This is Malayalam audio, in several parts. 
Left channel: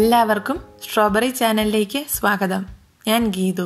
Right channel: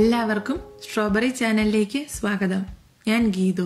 എല്ലാവർക്കും സ്ട്രോബെറി ചാനലിലേക്ക് സ്വാഗതം. ഞാൻ ഗീതു.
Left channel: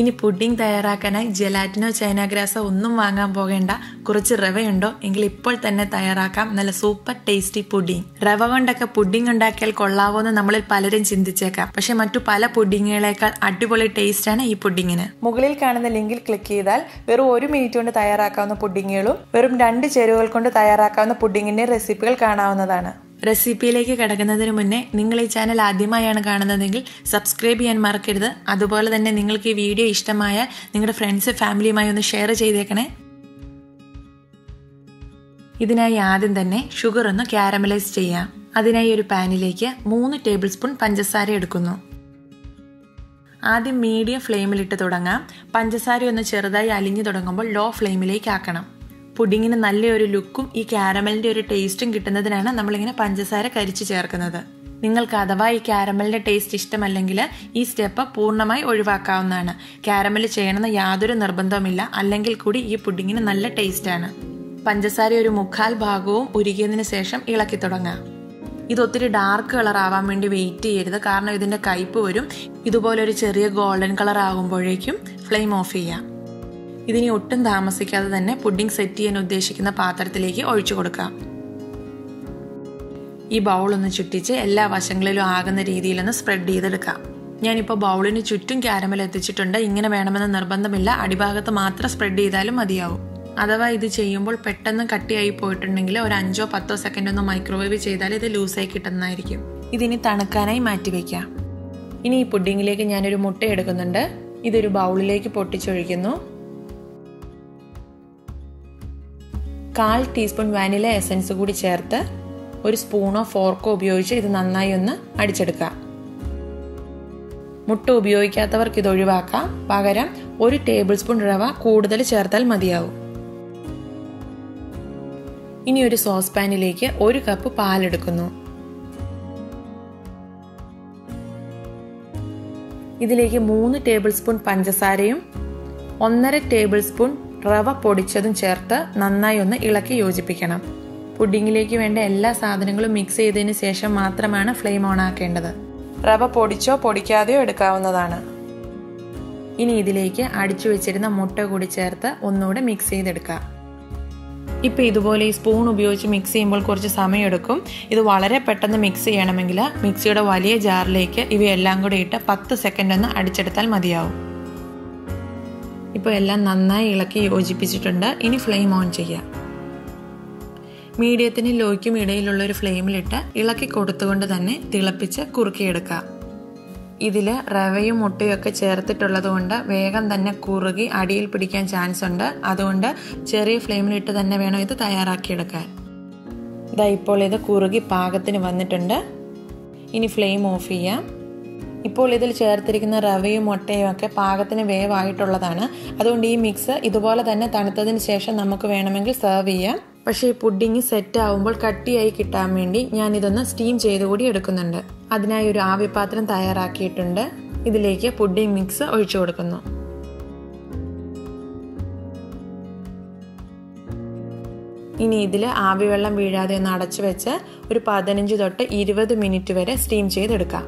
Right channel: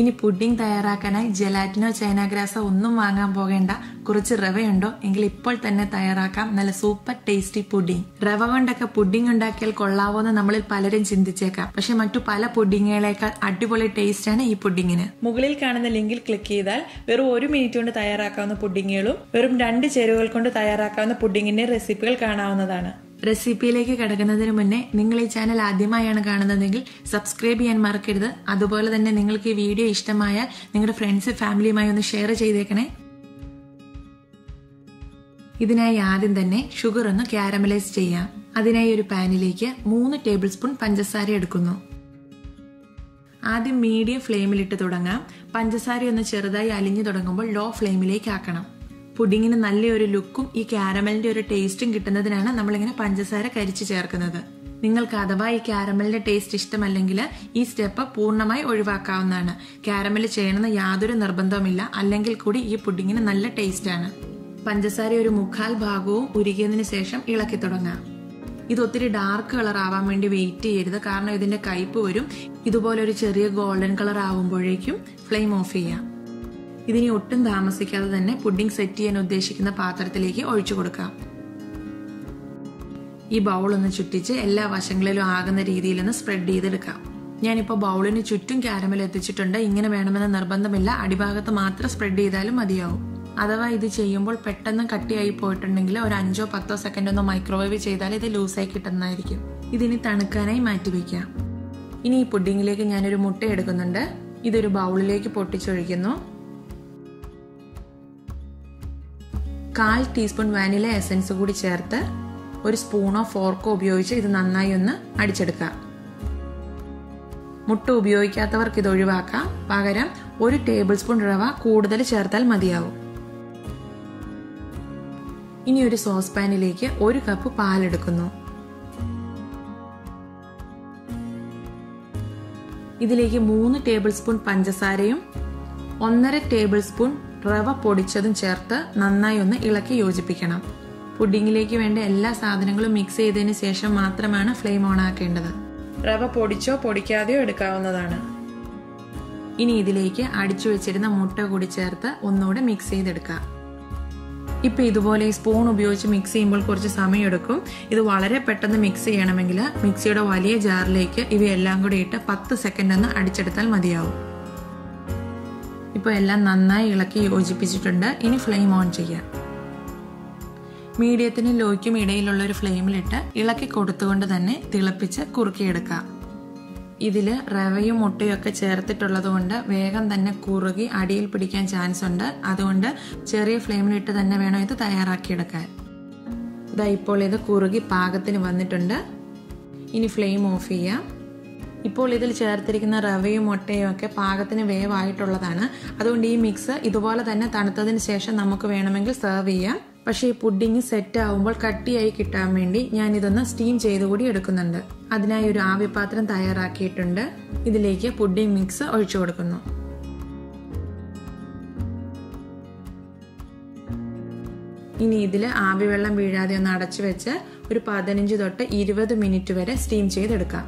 ഇനി പുഡിംഗ് തയ്യാറാക്കാനായി ജെലാറ്റിനോ ചൈന ഗ്രാസോ ഒന്നും വാങ്ങാൻ പോകേണ്ട. കുറച്ച് റവയുണ്ടോ എങ്കിൽ ഇപ്പോൾ തന്നെ തയ്യാറാക്കാം നല്ല സൂപ്പർ ടേസ്റ്റി പുഡിംഗ്. റവ കൊണ്ടൊക്കെ പുഡിംഗ് ഉണ്ടാക്കിയാൽ കൊള്ളാവോന്ന് നമ്മളിൽ പലരും ചിന്തിച്ചേക്കാം. പക്ഷെ മറ്റു പല പുഡിങ്ങുകളേക്കാൾ അടിപൊളി ടേസ്റ്റാണ് ഈ പുഡിങ്ങിന്. മുകളിൽ കാണുന്ന ലിങ്കിൽ ക്ലിക്ക് ചെയ്താൽ വെറും 1 മിനിറ്റ് കൊണ്ട് തയ്യാറാക്കാവുന്ന പുഡിങ്ങുകളും വെറും 2 ചേരുവകൾ കൊണ്ട് തയ്യാറാക്കാവുന്ന പുഡിങ്ങിന്റെ റെസിപ്പികൾ കാണാവുന്നതാണ്. റെസിപ്പിയിലേക്ക് കിടക്കുന്നതിന് മുന്നേ നിങ്ങൾ ഈ ചാനൽ ആദ്യമായാണ് കാണുന്നതെങ്കിൽ സബ്സ്ക്രൈബ് ചെയ്യാൻ മറക്കരുത്. അതുപോലെ തന്നെ നിങ്ങൾക്ക് ഈ വീഡിയോ ഇഷ്ടമായ നിങ്ങളുടെ ഫ്രണ്ട്സ് ഫാമിലിയുമായി ഒന്ന് ഷെയർ ചെയ്തേക്കണേ. ഇതിനായി ആദ്യം തന്നെ ഷുഗർ ഒന്ന് കാരമലൈസ് ചെയ്യാം. അതിനായി ഒരു പാനിലേക്ക് 3 ടേബിൾ സ്പൂൺ പഞ്ചസാര എടുക്കുന്നു. ആദ്യം മീഡിയം ഫ്ലെയിമിലിട്ട് തുടങ്ങാം. പഞ്ചസാര ഒന്ന് ചെറുതായി അലിഞ്ഞു തുടങ്ങുമ്പോൾ ലോ ഫ്ലെയിമിലേക്ക് ആക്കണം. പുഡിങ്ങിന് നല്ലൊരു ലുക്കും ഈ കാരമലിന്റെ ഒരു ടേസ്റ്റും കിട്ടുന്നതിനാണ് നമ്മളിങ്ങനെ പഞ്ചസാര കരിച്ചു ചേർക്കുന്നത്. നിങ്ങൾക്ക് അഥവാ ഈ കാരമലിന്റെ ടേസ്റ്റ് ഇഷ്ടമല്ലെങ്കിൽ ഈ സ്റ്റെപ്പ് പൂർണ്ണമായി ഒഴിവാക്കാവുന്നതാണ്. കാരമൽ ചെയ്യണമെന്ന് യാതൊരു നിർബന്ധവുമില്ല. അല്ലെങ്കിൽ കൂടി ഈ പുഡിങ്ങിന് നല്ല ടേസ്റ്റാണ്. പഞ്ചസാര ഒരു 1/4 ഭാഗവും ഉരുകിയതിനു ശേഷം ഇളക്കി തുടങ്ങാം. ഇത് ഒത്തിരി ഡാർക്ക് കളർ ആവാൻ വേണ്ടി വെയിറ്റ് ചെയ്യരുത്, കാരണം ഇതിന്റെ കയ്പ് വരും. ഇതുപോലെ ഒരു ചെറിയ ഗോൾഡൻ കളർ ആകുമ്പോഴേക്കും ഫ്ലെയിം ഓഫ് ചെയ്യാം. ഇതിനി ഒട്ടും താമസിക്കാതെ തന്നെ പുഡിംഗ് സെറ്റ് ചെയ്യാൻ ഉദ്ദേശിക്കുന്ന പാത്രത്തിലേക്ക് ഒഴിച്ചു കൊടുക്കാം. ഈ ബൗൾ ഒന്ന് ചുറ്റിച്ച് എല്ലാ വശങ്ങളിലും ആകുന്ന രീതിയിലൊന്ന് സ്പ്രെഡ് ചെയ്തെടുക്കാം. ഞാനിപ്പോൾ ബൗളിന് ചുറ്റും കാരമൽ എത്തിച്ചിട്ടുണ്ട്. ഇങ്ങനെ വേണമെന്ന് നിർബന്ധമില്ല, അടിഭാഗത്ത് മാത്രം സ്പ്രെഡ് ചെയ്താലും മതിയാവും. അഥവാ ഇത് ചെയ്യുമ്പോൾ പെട്ടെന്ന് കട്ടിയായി പോയിട്ടുണ്ടെങ്കിൽ ഒരു 5-10 സെക്കൻഡ് ഒന്ന് മൈക്രോവേവ് ചെയ്താൽ ഇത് ലൂസായി കിട്ടുന്നതായിരിക്കും. ഇതിനി തണുക്കാനായി മാറ്റിവെക്കാം. ഇനി ഈ പുഡിങ്ങിലേക്ക് ഞാനൊരു മുട്ട എടുക്കുന്നുണ്ട്. ഇതൊരു ബൗളിലേക്ക് പൊട്ടിച്ചൊഴിക്കുന്നു. 1/4 ടീസ്പൂൺ വാനില എസൻസ് കൂടി ചേർത്ത് ഒരു സ്പൂണോ ഫോർക്കോ ഉപയോഗിച്ച് ഇത് നന്നായി ഒന്ന് അടിച്ചെടുക്കാം. മുട്ട ഉപയോഗിക്കാത്തവർക്ക് ഇത് ഒഴിവാക്കാം. പകരം 1 ടേബിൾ സ്പൂൺ റവ കൂടുതൽ ചേർത്താൽ മതിയാവും. ഇനി ഒരു സോസ് പാനിലേക്ക് 1 കപ്പ് പാലെടുക്കുന്നു. ഇതിലേക്ക് 3 ടേബിൾ സ്പൂൺ പഞ്ചസാരയും 1.5 ടേബിൾ സ്പൂൺ റവ പൊടിച്ചതും ചേർത്ത് നന്നായി ഒന്ന് ഇളക്കി യോജിപ്പിക്കണം. പുഡിങ്ങിലേക്ക് വേണ്ട എല്ലാ സാധനങ്ങളും മിക്സ് ചെയ്തതിന് ശേഷം മാത്രമാണ് ഫ്ലെയിം ഓൺ ആക്കേണ്ടത്. റവ പൊടിച്ചോ പൊടിക്കാതെയോ എടുക്കാവുന്നതാണ്. ഇനി ഇതിലേക്ക് അടിച്ചു വെച്ചിരുന്ന മുട്ട കൂടി ചേർത്ത് ഒന്നുകൂടെ മിക്സ് ചെയ്തെടുക്കാം. ഇപ്പൊ ഇതുപോലെ ഈ സ്പൂൺ ഉപയോഗിച്ച് മിക്സ് ചെയ്യുമ്പോൾ കുറച്ച് സമയമെടുക്കും. ഇത് വളരെ പെട്ടെന്ന് മിക്സ് ചെയ്യണമെങ്കിൽ മിക്സിയുടെ വലിയ ജാറിലേക്ക് ഇവയെല്ലാം കൂടി ഇട്ട് 10 സെക്കൻഡ് ഒന്ന് അടിച്ചെടുത്താൽ മതിയാവും. ഇപ്പോൾ എല്ലാം നന്നായി ഇളക്കി യോജിപ്പിച്ചിട്ടുണ്ട്. ഇനി ഫ്ലെയിം ഓൺ ചെയ്യാം. മീഡിയത്തിനും ലോയ്ക്കും ഇടയിലുള്ള ഒരു ഫ്ലെയിമിലിട്ട് ഇളക്കി കൊടുത്തുകൊണ്ട് തന്നെ തിളപ്പിച്ച് കുറുക്കിയെടുക്കാം. ഇതില് റവയും മുട്ടയും ഒക്കെ ചേർത്തിട്ടുള്ളത് കൊണ്ട് വേഗം തന്നെ കുറുകി അടിയിൽ പിടിക്കാൻ ചാൻസ് ഉണ്ട്. അതുകൊണ്ട് ചെറിയ ഫ്ലെയിമിലിട്ട് തന്നെ വേണം ഇത് തയ്യാറാക്കിയെടുക്കാൻ. ഇതാ ഇപ്പോൾ ഇത് കുറുകി പാകത്തിന് വന്നിട്ടുണ്ട്. ഇനി ഫ്ലെയിം ഓഫ് ചെയ്യാം. ഇപ്പോൾ ഇതിൽ ചേർത്തിരിക്കുന്ന റവയും മുട്ടയും ഒക്കെ പാകത്തിന് വേവായിട്ടുള്ളതാണ്. അതുകൊണ്ട് ഈ മിക്സ് ഇതുപോലെ തന്നെ തണുത്തതിന് ശേഷം നമുക്ക് വേണമെങ്കിൽ സെർവ് ചെയ്യാം. പക്ഷേ ഈ പുഡിങ് സെറ്റ് ആവുമ്പോൾ കട്ടിയായി കിട്ടാൻ വേണ്ടി ഞാൻ ഇതൊന്ന് സ്റ്റീം ചെയ്തുകൂടി എടുക്കുന്നുണ്ട്. അതിനായി ഒരു ആവിപാത്രം തയ്യാറാക്കിയിട്ടുണ്ട്. ഇതിലേക്ക് പുഡിങ് മിക്സ് ഒഴിച്ചു കൊടുക്കുന്നു. ഇനി ഇതിൽ ആവിവെള്ളം വീഴാതെ ഒന്ന് അടച്ചു വെച്ച് ഒരു 15 തൊട്ട് 20 മിനിറ്റ് വരെ സ്റ്റീം ചെയ്തെടുക്കാം.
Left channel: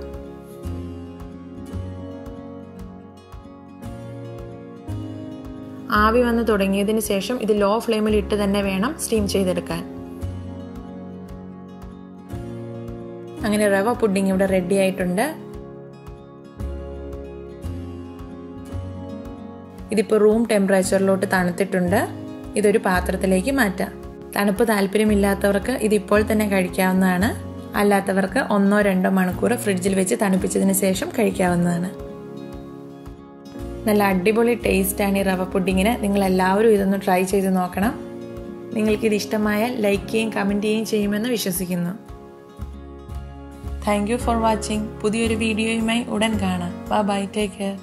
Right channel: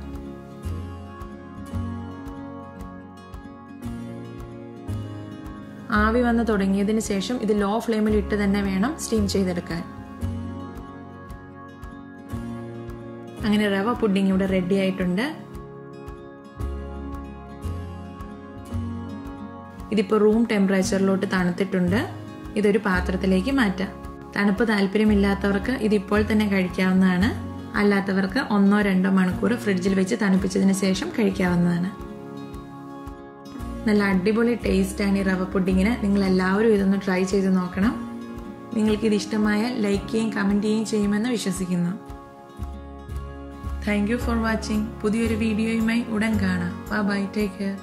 ആവി വന്ന് തുടങ്ങിയതിന് ശേഷം ഇത് ലോ ഫ്ലെയിമിൽ ഇട്ട് തന്നെ വേണം സ്റ്റീം ചെയ്തെടുക്കാൻ. അങ്ങനെ റവ പുഡിംഗ് ഇവിടെ റെഡി ആയിട്ടുണ്ട്. ഇതിപ്പോൾ റൂം ടെമ്പറേച്ചറിലോട്ട് തണുത്തിട്ടുണ്ട്. ഇതൊരു പാത്രത്തിലേക്ക് മാറ്റാം. തണുപ്പ് താല്പര്യമില്ലാത്തവർക്ക് ഇതിപ്പോൾ തന്നെ കഴിക്കാവുന്നതാണ്. അല്ലാത്തവർക്ക് 1-2 മണിക്കൂർ ഫ്രിഡ്ജിൽ വെച്ച് തണുപ്പിച്ചതിന് ശേഷം കഴിക്കാവുന്നതാണ്. നല്ല അടിപൊളി ടേസ്റ്റാണ് ഈ റവ പുഡിങ്ങിന്. നിങ്ങൾ എല്ലാവരും ഇതൊന്ന് ട്രൈ ചെയ്ത് നോക്കണം. നിങ്ങൾക്കിത് ഇഷ്ടമായാൽ ലൈക്ക് ചെയ്യുകയും കമന്റ് ചെയ്യുകയും ചെയ്യുമെന്ന് വിശ്വസിക്കുന്നു. Thank you for watching. പുതിയൊരു വീഡിയോയുമായി ഉടൻ കാണാം. Bye bye, take care.